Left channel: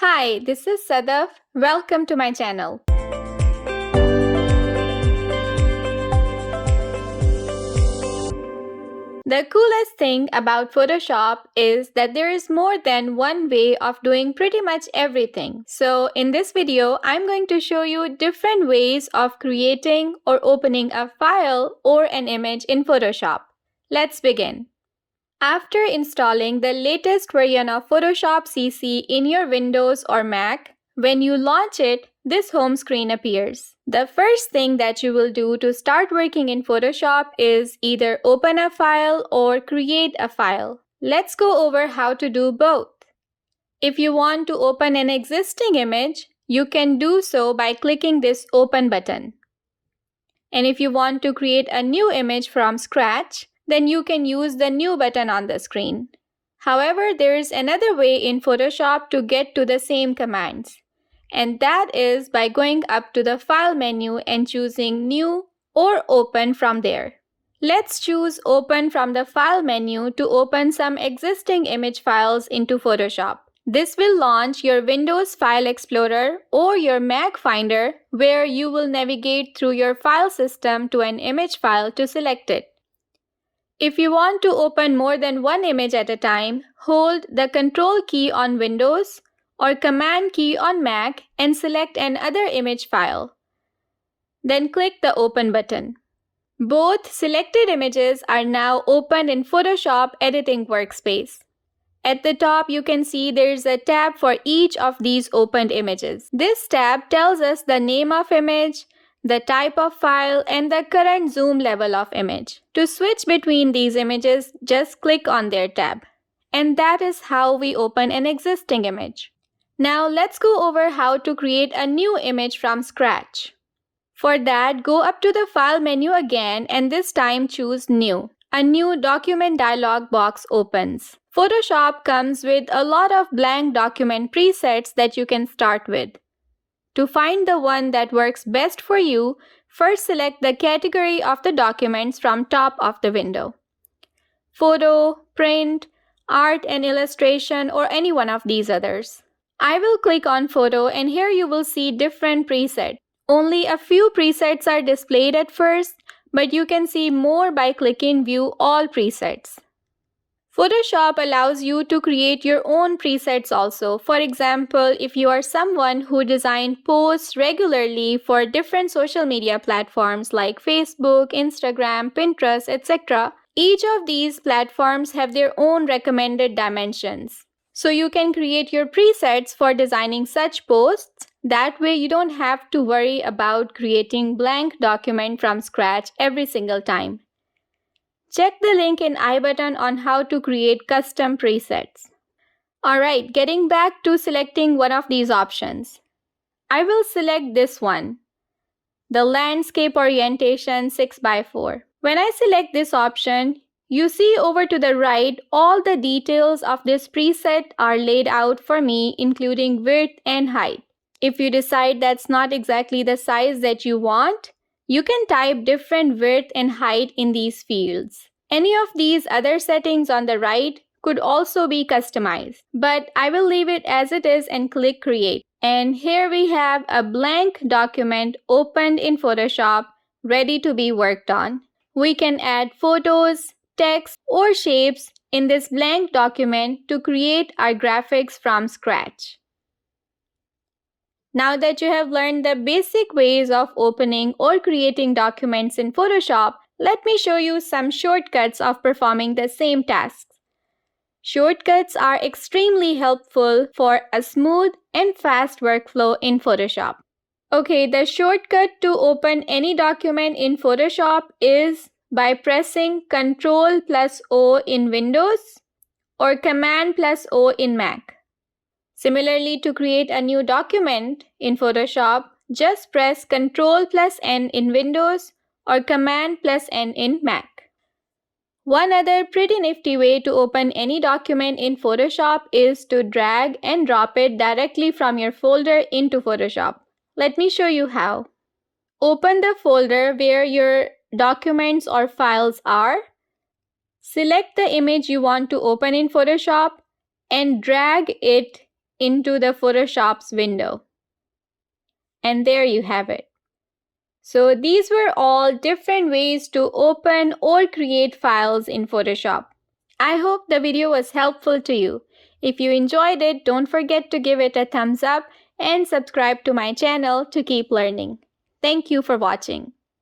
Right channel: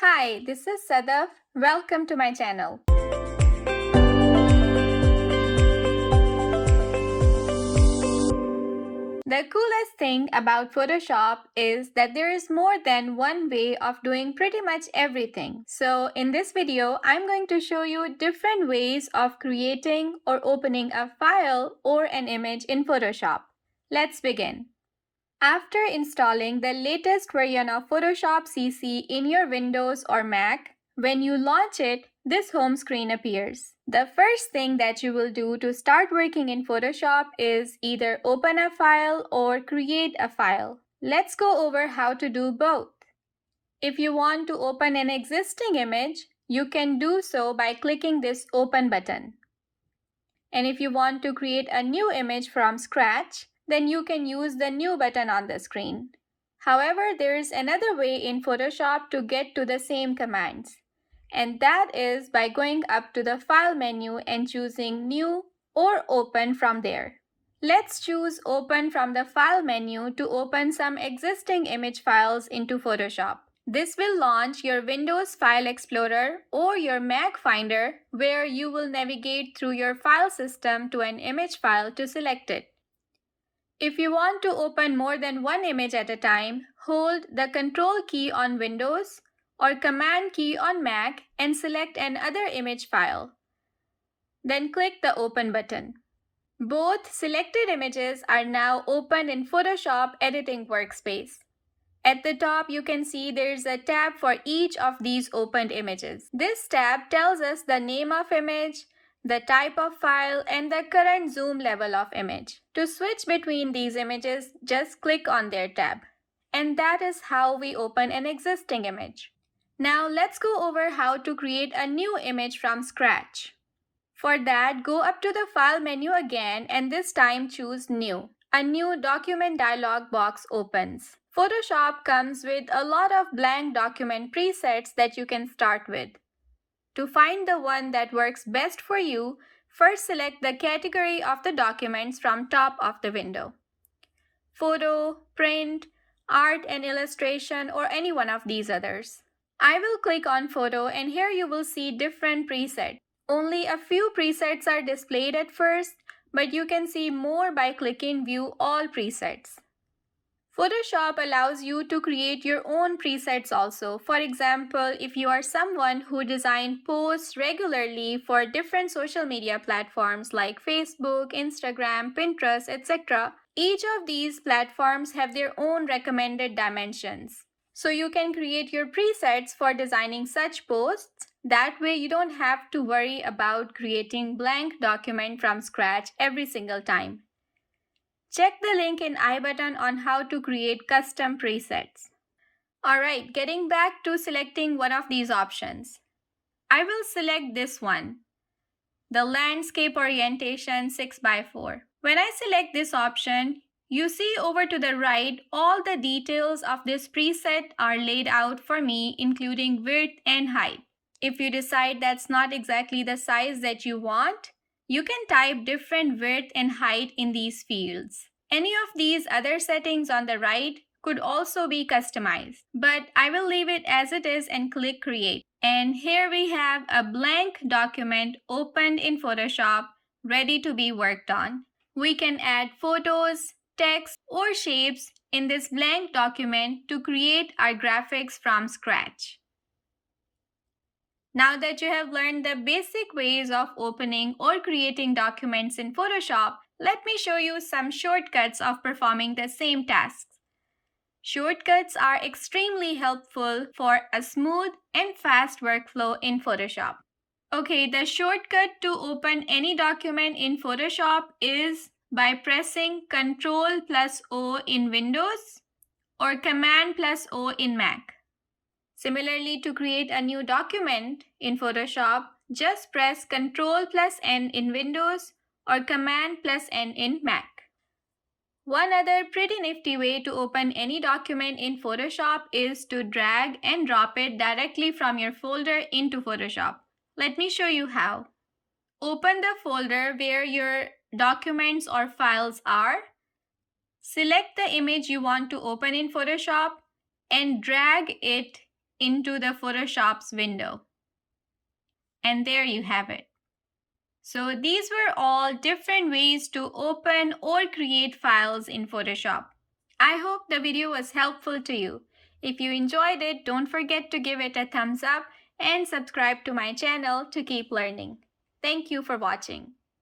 Hi, this is Sadaf. Welcome to my channel. The coolest thing about Photoshop is that there is more than one way of doing pretty much everything. So in this video, I'm going to show you different ways of creating or opening a file or an image in Photoshop. Let's begin. After installing the latest version of Photoshop CC in your Windows or Mac, when you launch it, this home screen appears. The first thing that you will do to start working in Photoshop is either open a file or create a file. Let's go over how to do both. If you want to open an existing image, you can do so by clicking this Open button. And if you want to create a new image from scratch, then you can use the New button on the screen. However, there is another way in Photoshop to get to the same commands, and that is by going up to the File menu and choosing New or Open from there. Let's choose Open from the File menu to open some existing image files into Photoshop. This will launch your Windows File Explorer or your Mac Finder, where you will navigate through your file system to an image file to select it. If you want to open more than one image at a time, hold the Control key on Windows or Command key on Mac and select another image file. Then click the Open button. Both selected images are now opened in Photoshop Editing Workspace. At the top, you can see there's a tab for each of these opened images. This tab tells us the name of image, the type of file, and the current zoom level of image. To switch between these images, just click on their tab. And that is how we open an existing image. Now let's go over how to create a new image from scratch. For that, go up to the File menu again and this time choose New. A new document dialog box opens. Photoshop comes with a lot of blank document presets that you can start with. To find the one that works best for you, first select the category of the documents from top of the window. Photo, print, art and illustration, or any one of these others. I will click on photo and here you will see different presets. Only a few presets are displayed at first, but you can see more by clicking View All Presets. Photoshop allows you to create your own presets also. For example, if you are someone who designs posts regularly for different social media platforms like Facebook, Instagram, Pinterest, etc., each of these platforms have their own recommended dimensions. So you can create your presets for designing such posts. That way you don't have to worry about creating blank document from scratch every single time. Check the link in I button on how to create custom presets. Alright, getting back to selecting one of these options. I will select this one, the landscape orientation 6x4. When I select this option, you see over to the right, all the details of this preset are laid out for me, including width and height. If you decide that's not exactly the size that you want, you can type different width and height in these fields. Any of these other settings on the right could also be customized, but I will leave it as it is and click Create. And here we have a blank document opened in Photoshop, ready to be worked on. We can add photos, text, or shapes in this blank document to create our graphics from scratch. Now that you have learned the basic ways of opening or creating documents in Photoshop, let me show you some shortcuts of performing the same tasks. Shortcuts are extremely helpful for a smooth and fast workflow in Photoshop. Okay, the shortcut to open any document in Photoshop is by pressing Ctrl+O in Windows or Command+O in Mac. Similarly, to create a new document in Photoshop, just press Ctrl+N in Windows or Command+N in Mac. One other pretty nifty way to open any document in Photoshop is to drag and drop it directly from your folder into Photoshop. Let me show you how. Open the folder where your documents or files are. Select the image you want to open in Photoshop and drag it into the Photoshop's window. And there you have it. So these were all different ways to open or create files in Photoshop. I hope the video was helpful to you. If you enjoyed it, don't forget to give it a thumbs up and subscribe to my channel to keep learning. Thank you for watching.